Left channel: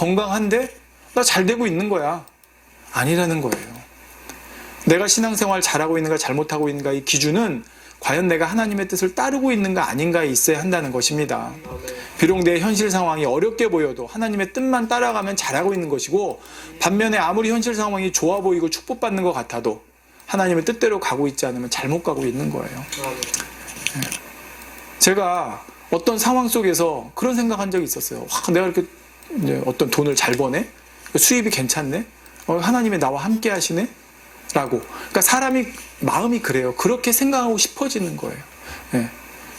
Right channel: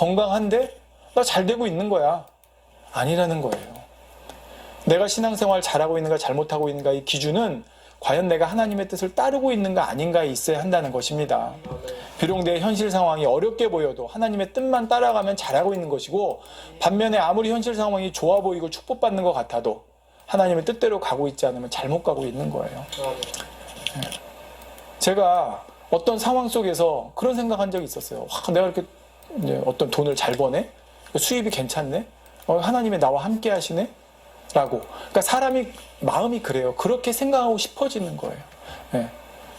건강한데 나 잘 되고 있는 거야. 아니라는 거예요. 내가 신앙생활 잘하고 있는가 잘못하고 있는가 이 기준은 과연 내가 하나님의 뜻을 따르고 있는가 아닌가에 있어야 한다는 것입니다. 비록 내 현실 상황이 어렵게 보여도 하나님의 뜻만 따라가면 잘하고 있는 것이고, 반면에 아무리 현실 상황이 좋아 보이고 축복받는 것 같아도 하나님의 뜻대로 가고 있지 않으면 잘못 가고 있는 거예요. 제가 어떤 상황 속에서 그런 생각한 적이 있었어요. 내가 이렇게 어떤 돈을 잘 버네? 수입이 괜찮네? 하나님이 나와 함께 하시네? 라고. 그러니까 사람이 마음이 그래요. 그렇게 생각하고 싶어지는 거예요.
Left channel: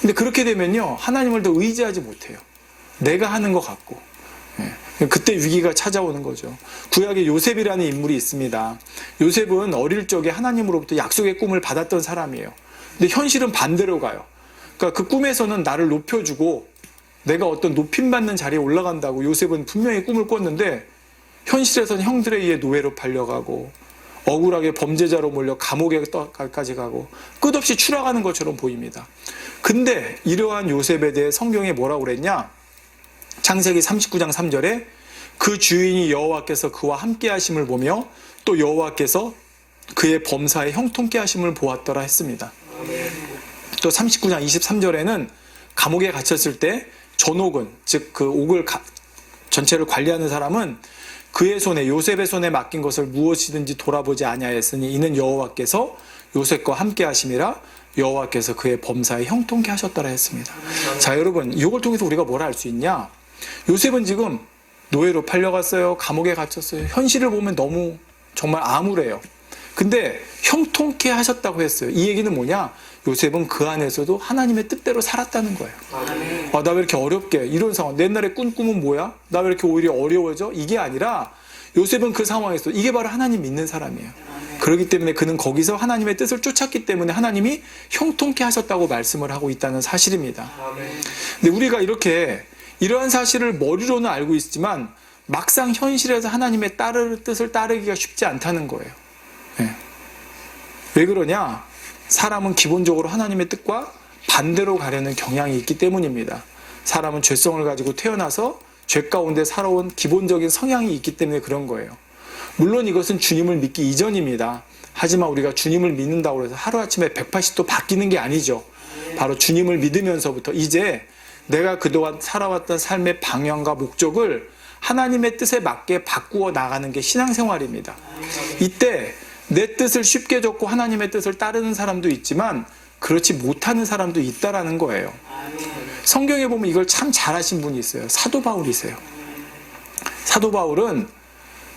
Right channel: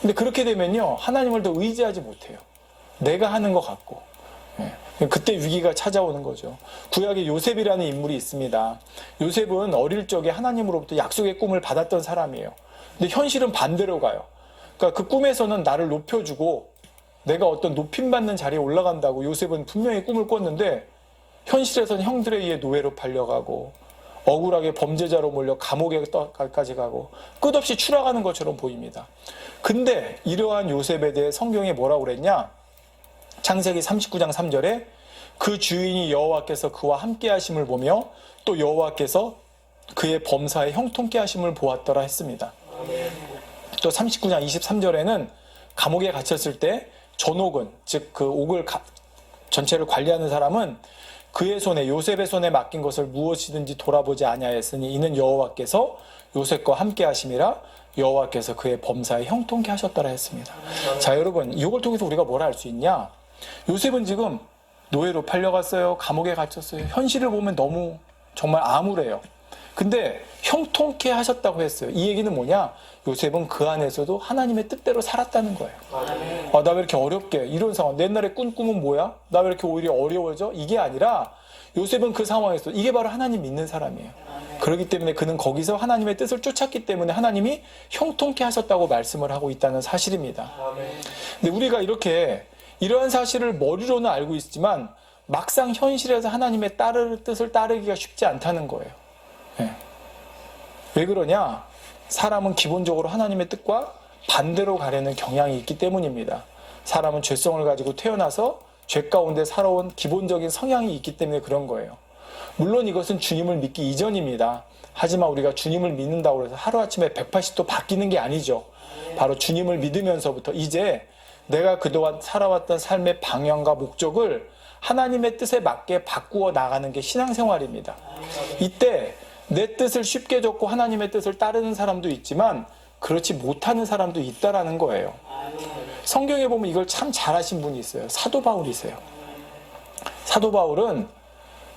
근데 그렇게 되면요, 하나님을 더 의지하지 못해요. 내가 하는 것 같고. 그때 위기가 찾아오는 거죠. 구약에 요셉이라는 인물이 있습니다. 요셉은 어릴 적에 하나님으로부터 약속의 꿈을 받았던 사람이에요. 근데 현실은 반대로 가요. 그러니까 그 꿈에서는 나를 높여주고 내가 어떤 높임받는 자리에 올라간다고 요셉은 분명히 꿈을 꿨는데, 현실에서는 형들에 의해 노예로 팔려가고 억울하게 범죄자로 몰려 감옥에까지 가고 끝없이 추락하는 것처럼 보입니다. 근데 이러한 요셉에 대해 성경에 뭐라고 그랬냐? 창세기 39장 3절에 그 주인이 여호와께서 그와 함께 하심을 보며 또 여호와께서 그의 범사에 형통케 하심을 보았더라 했습니다. 또 39장 23절에는 감옥에 갇혔을 때 전옥은, 즉 그 옥을 전체를 관리하는 사람은 그의 손에, 요셉의 손에 맡긴 것을 무엇이든지 돌아보지 아니하였으니 이는 여호와께서 요셉과 함께 하심이라 여호와께서 그의 범사에 형통케 하셨더라 했습니다. 자, 여러분, 이걸 통해서 우리가 뭘 알 수 있냐? 요셉은 지금 노예로 팔려갔어요. 감옥에 갇혔어요. 현실을 보면 너무 정말 암울해요. 근데 형통케 하셨다고 했어요. 이 얘기는 뭐냐? 요셉은 그 안에서도 하나님의 뜻대로 살았다는 거예요. 나 왜 이렇게 어렵게, 이런 상황, 내 옛날에 꾼 꿈은 뭐야? 나 왜 이렇게 오히려 어려워져? 이게 아니라 요셉은 그 상황에서 이게 바로 하나님 믿는 사람이에요. 그렇기 때문에 그는 거기서 하나님의 뜻을 쫓았기 때문에 하나님이 형통케 하셨다고 말씀을 하고 있다는 사실입니다. 근데 우리가 이렇게 이러한 사실을 머리로는 알고 있지만 막상 현실에서 하나님의 뜻을 따르기가 쉽지 않다는 거예요. 왜 그러냐? 사람은 기본적으로 하나님의 뜻과 반대로 가려는 경향이 있기 때문입니다. 사람은 죄성을 가지고 태어나서 죄 가운데 살아온 기본적인 성향이 있기 때문에 그런 거예요. 물론 이것은 주님을 믿기 이전입니다. 하지만 우리가 주님을 믿는다고 해서 하루아침에 180도 바뀌는 게 아니죠. 바로 주님을 믿으면서부터 이제 내가 그동안 살아왔던 삶의 방향과 목적을 하나님의 뜻에 맞게 바꾸어 나가는 게 신앙생활입니다. 이때 내 뜻을 쉽게 적고 하나님의 뜻을 따르는 사람도 있지만 그렇지 못하는 사람도 있다라는 거예요. 성경에 보면 이걸 참 잘하신 분이 있어요. 사도 바울이세요. 사도 바울은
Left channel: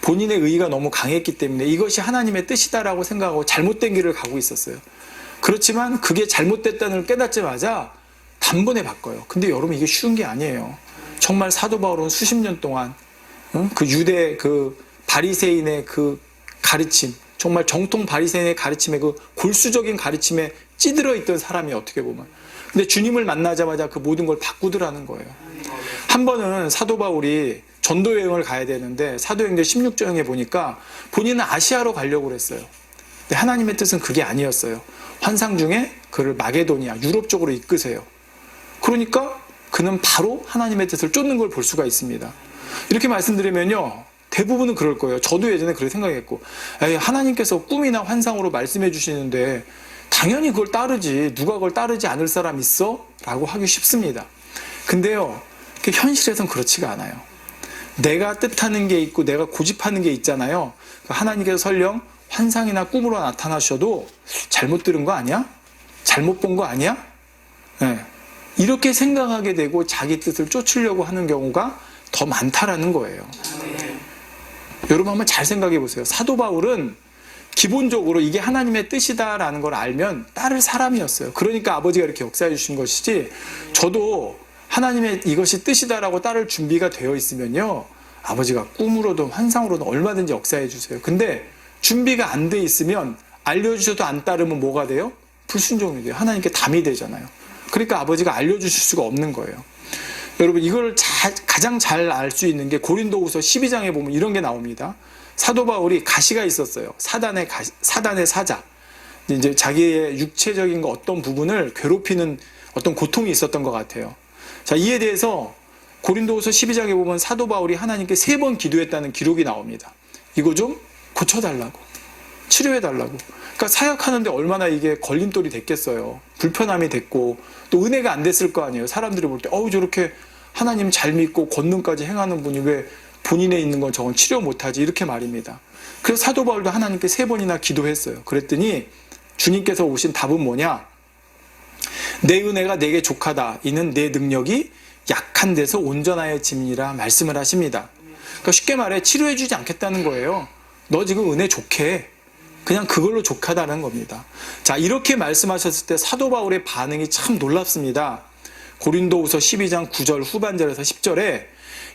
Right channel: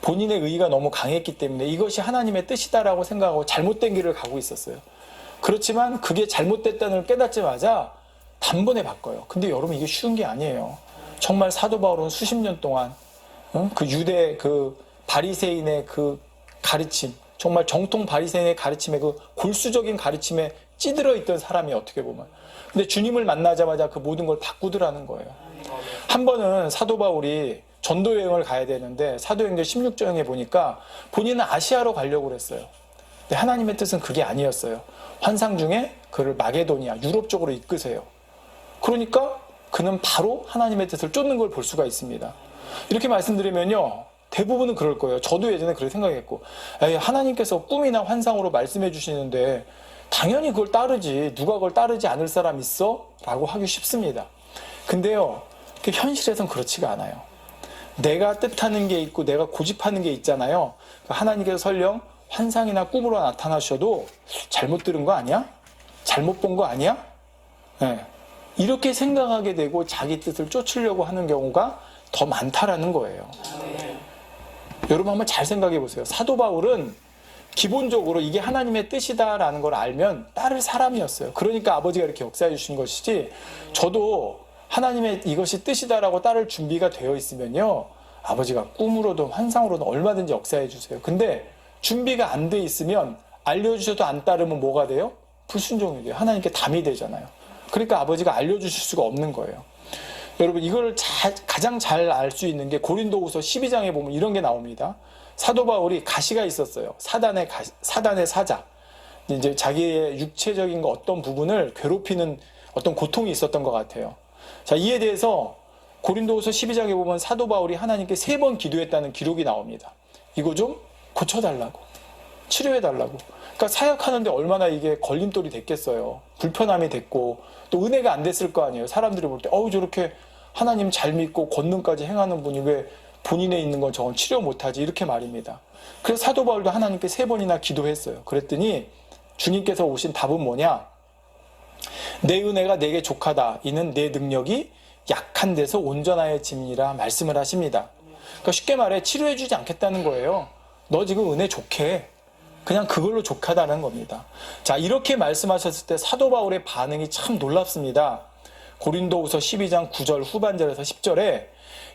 본인의 의의가 너무 강했기 때문에 이것이 하나님의 뜻이다라고 생각하고 잘못된 길을 가고 있었어요. 그렇지만 그게 잘못됐다는 걸 깨닫자마자 단번에 바꿔요. 근데 여러분, 이게 쉬운 게 아니에요. 정말 사도 바울은 수십 년 동안 그 유대 그 바리새인의 그 가르침, 정말 정통 바리새인의 가르침에, 그 골수적인 가르침에 찌들어 있던 사람이 어떻게 보면. 근데 주님을 만나자마자 그 모든 걸 바꾸더라는 거예요. 한 번은 사도 바울이 전도 여행을 가야 되는데 사도행전 16장에 보니까 본인은 아시아로 가려고 그랬어요. 근데 하나님의 뜻은 그게 아니었어요. 환상 중에 그를 마게도니아, 유럽 쪽으로 이끄세요. 그러니까 그는 바로 하나님의 뜻을 쫓는 걸 볼 수가 있습니다. 이렇게 말씀드리면요, 대부분은 그럴 거예요. 저도 예전에 그렇게 생각했고, 하나님께서 꿈이나 환상으로 말씀해 주시는데 당연히 그걸 따르지, 누가 그걸 따르지 않을 사람 있어? 라고 하기 쉽습니다. 근데요, 현실에선 그렇지가 않아요. 내가 뜻하는 게 있고 내가 고집하는 게 있잖아요. 하나님께서 설령 환상이나 꿈으로 나타나셔도 잘못 들은 거 아니야? 잘못 본 거 아니야? 이렇게 생각하게 되고 자기 뜻을 쫓으려고 하는 경우가 더 많다라는 거예요. 여러분 한번 잘 생각해 보세요. 사도 바울은 기본적으로 이게 하나님의 뜻이다라는 걸 알면 따를 사람이었어요. 그러니까 아버지가 이렇게 역사해 주신 것이지, 저도 하나님의 이것이 뜻이다라고 따를 준비가 되어 있으면요, 아버지가 꿈으로든 환상으로든 얼마든지 역사해 주세요. 근데 준비가 안 돼 있으면 알려주셔도 안 따르면 뭐가 돼요? 불순종이 돼요. 하나님께 담이 되잖아요. 그러니까 아버지가 알려주실 수가 없는 거예요. 여러분, 이걸 가장 잘 알 수 있는 게 고린도후서 12장에 보면 이런 게 나옵니다. 사도 바울이 가시가 있었어요. 사단의 사자. 이제 자기의 육체적인 어떤 부분을 괴롭히는 어떤 고통이 있었던 것 같아요. 자, 이에 대해서 고린도후서 12장에 보면 사도 바울이 하나님께 3번 기도했다는 기록이 나옵니다. 이거 좀 고쳐달라고, 치료해달라고. 그러니까 사역하는데 얼마나 이게 걸림돌이 됐겠어요. 불편함이 됐고 또 은혜가 안 됐을 거 아니에요. 사람들이 볼 때 저렇게 하나님 잘 믿고 권능까지 행하는 분이 왜 본인에 있는 건 저건 치료 못하지, 이렇게 말입니다. 그래서 사도 바울도 하나님께 3번이나 기도했어요. 그랬더니 주님께서 오신 답은 뭐냐? 내 은혜가 내게 족하다. 이는 내 능력이 약한 데서 온전하여 짐이라 말씀을 하십니다. 그러니까 쉽게 말해 치료해주지 않겠다는 거예요. 너 지금 은혜 족해. 그냥 그걸로 족하다는 겁니다. 자, 이렇게 말씀하셨을 때 사도 바울의 반응이 참 놀랍습니다. 고린도후서 12장 9절 후반절에서 10절에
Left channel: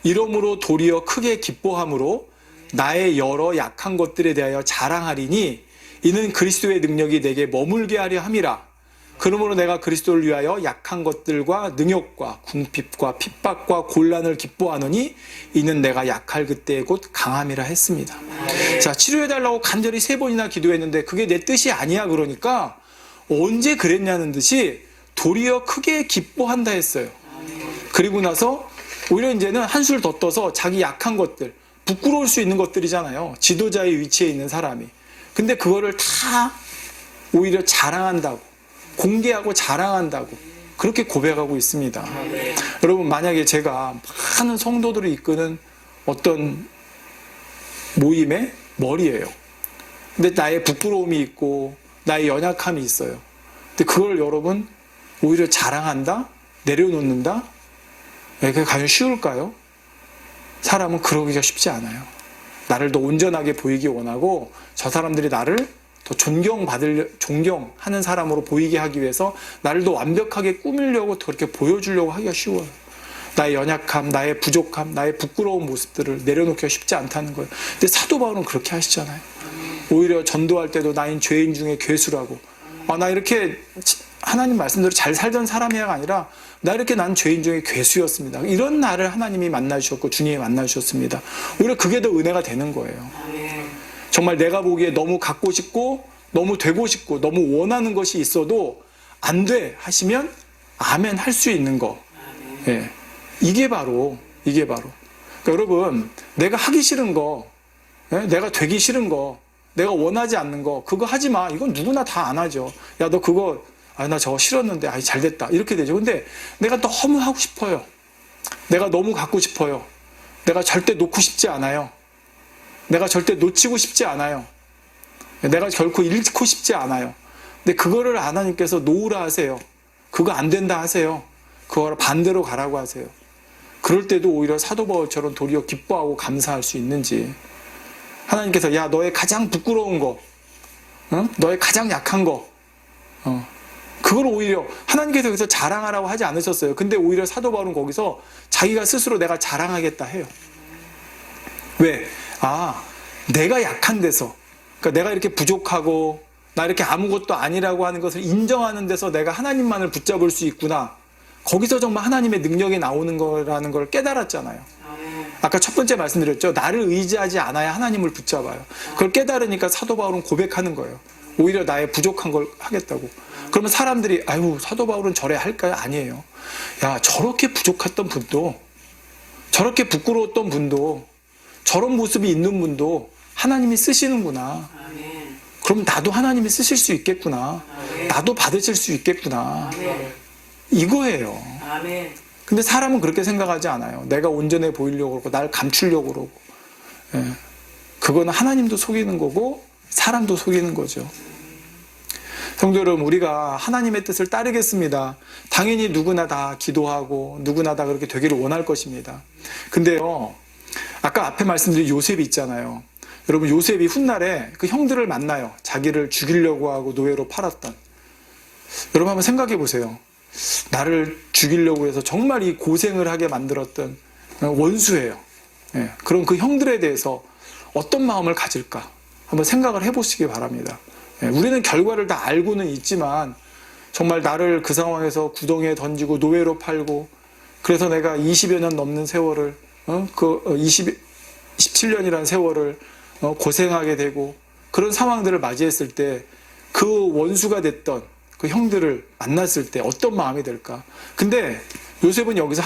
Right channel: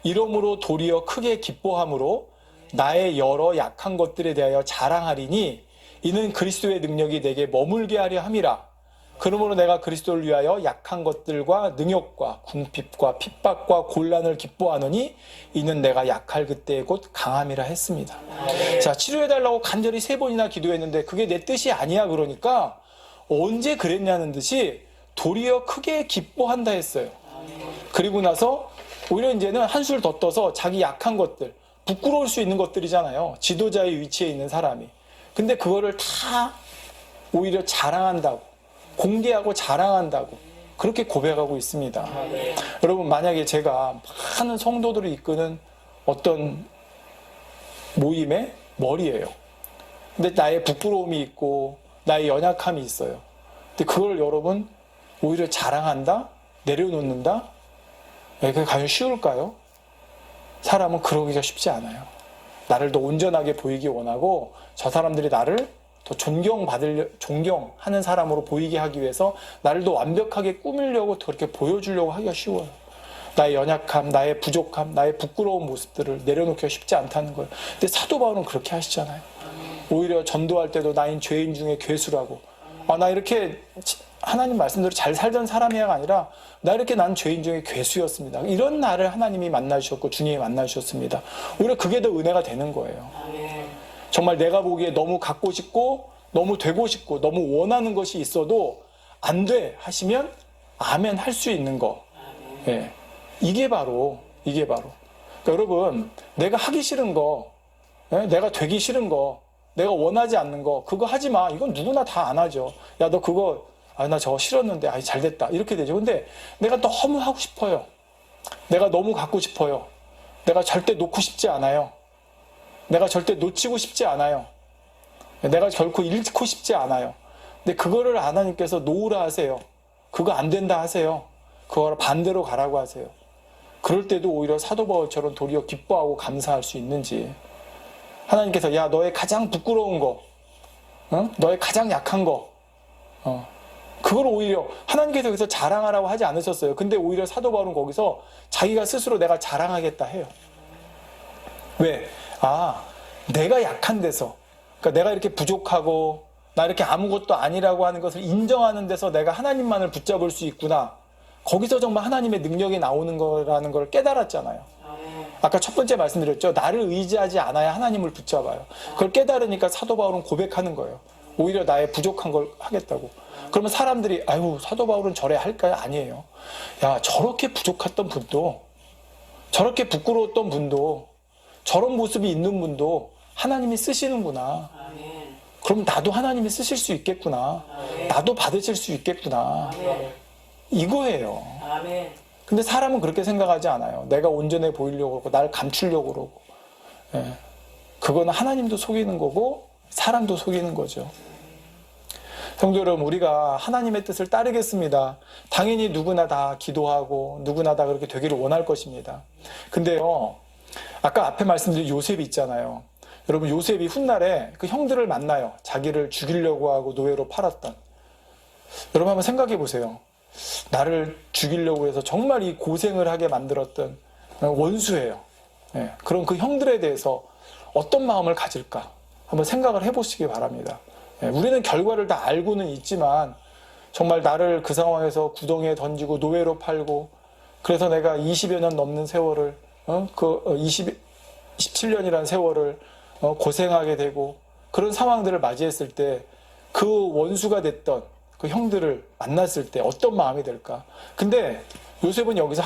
이러므로 도리어 크게 기뻐함으로 나의 여러 약한 것들에 대하여 자랑하리니 이는 그리스도의 능력이 내게 머물게 하려 함이라. 그러므로 내가 그리스도를 위하여 약한 것들과 능욕과 궁핍과 핍박과 곤란을 기뻐하노니 이는 내가 약할 그때의 곧 강함이라 했습니다. 자, 치료해달라고 간절히 3번이나 기도했는데 그게 내 뜻이 아니야. 그러니까 언제 그랬냐는 듯이 도리어 크게 기뻐한다 했어요. 그리고 나서 오히려 이제는 한술 더 떠서 자기 약한 것들, 부끄러울 수 있는 것들이잖아요. 지도자의 위치에 있는 사람이. 근데 그거를 다 오히려 자랑한다고, 공개하고 자랑한다고 그렇게 고백하고 있습니다. 여러분, 만약에 제가 많은 성도들을 이끄는 어떤 모임의 머리예요. 근데 나의 부끄러움이 있고 나의 연약함이 있어요. 근데 그걸 여러분 오히려 자랑한다? 내려놓는다? 그게 과연 쉬울까요? 사람은 그러기가 쉽지 않아요. 나를 더 온전하게 보이기 원하고 저 사람들이 나를 더 존경하는 사람으로 보이게 하기 위해서 나를 더 완벽하게 꾸미려고 그렇게 보여주려고 하기가 쉬워요. 나의 연약함, 나의 부족함, 나의 부끄러운 모습들을 내려놓기가 쉽지 않다는 거예요. 근데 사도 바울은 그렇게 하시잖아요. 오히려 전도할 때도 나인 죄인 중에 괴수라고. 나 이렇게 하나님 말씀대로 잘 살던 사람이야가 아니라 나 이렇게 난 죄인 중에 괴수였습니다. 이런 나를 하나님이 만나주셨고 주님이 만나주셨습니다. 오히려 그게 더 은혜가 되는 거예요. 정말 내가 보기에 너무 갖고 싶고 너무 되고 싶고 너무 원하는 것이 있어도 안 돼 하시면 아멘 할 수 있는 거. 예. 이게 바로 그러니까 여러분, 내가 하기 싫은 거, 내가 되기 싫은 거, 내가 원하지 않는 거, 그거 하지 마. 이건 누구나 다 안 하죠. 야, 너 그거 나 저거 싫었는데 잘 됐다 이렇게 되죠. 근데 내가 너무 하고 싶어요. 내가 너무 갖고 싶어요. 내가 절대 놓고 싶지 않아요. 내가 절대 놓치고 싶지 않아요. 내가 결코 잃고 싶지 않아요. 근데 그거를 하나님께서 놓으라 하세요. 그거 안 된다 하세요. 그거 반대로 가라고 하세요. 그럴 때도 오히려 사도 바울처럼 도리어 기뻐하고 감사할 수 있는지. 하나님께서 야, 너의 가장 부끄러운 거, 너의 가장 약한 거, 그걸 오히려 하나님께서 여기서 자랑하라고 하지 않으셨어요. 근데 오히려 사도 바울은 거기서 자기가 스스로 내가 자랑하겠다 해요. 왜? 내가 약한 데서, 그러니까 내가 이렇게 부족하고 나 이렇게 아무것도 아니라고 하는 것을 인정하는 데서 내가 하나님만을 붙잡을 수 있구나. 거기서 정말 하나님의 능력이 나오는 거라는 걸 깨달았잖아요. 아까 첫 번째 말씀드렸죠. 나를 의지하지 않아야 하나님을 붙잡아요. 그걸 깨달으니까 사도 바울은 고백하는 거예요. 오히려 나의 부족한 걸 하겠다고. 그러면 사람들이 사도 바울은 저래 할까요? 아니에요. 야, 저렇게 부족했던 분도, 저렇게 부끄러웠던 분도, 저런 모습이 있는 분도 하나님이 쓰시는구나. 그럼 나도 하나님이 쓰실 수 있겠구나. 나도 받으실 수 있겠구나. 이거예요. 근데 사람은 그렇게 생각하지 않아요. 내가 온전해 보이려고 그러고 날 감추려고 그러고. 그거는 하나님도 속이는 거고 사람도 속이는 거죠. 성도 여러분, 우리가 하나님의 뜻을 따르겠습니다. 당연히 누구나 다 기도하고 누구나 다 그렇게 되기를 원할 것입니다. 근데요, 아까 앞에 말씀드린 요셉이 있잖아요. 여러분, 요셉이 훗날에 그 형들을 만나요. 자기를 죽이려고 하고 노예로 팔았던. 여러분 한번 생각해 보세요. 나를 죽이려고 해서 정말 이 고생을 하게 만들었던 원수예요. 그럼 그 형들에 대해서 어떤 마음을 가질까? 한번 생각을 해보시기 바랍니다. 우리는 결과를 다 알고는 있지만 정말 나를 그 상황에서 구덩이에 던지고 노예로 팔고 그래서 내가 20여 년 넘는 세월을 17년이라는 세월을 고생하게 되고 그런 상황들을 맞이했을 때 그 원수가 됐던 그 형들을 만났을 때 어떤 마음이 될까? 근데 요셉은 여기서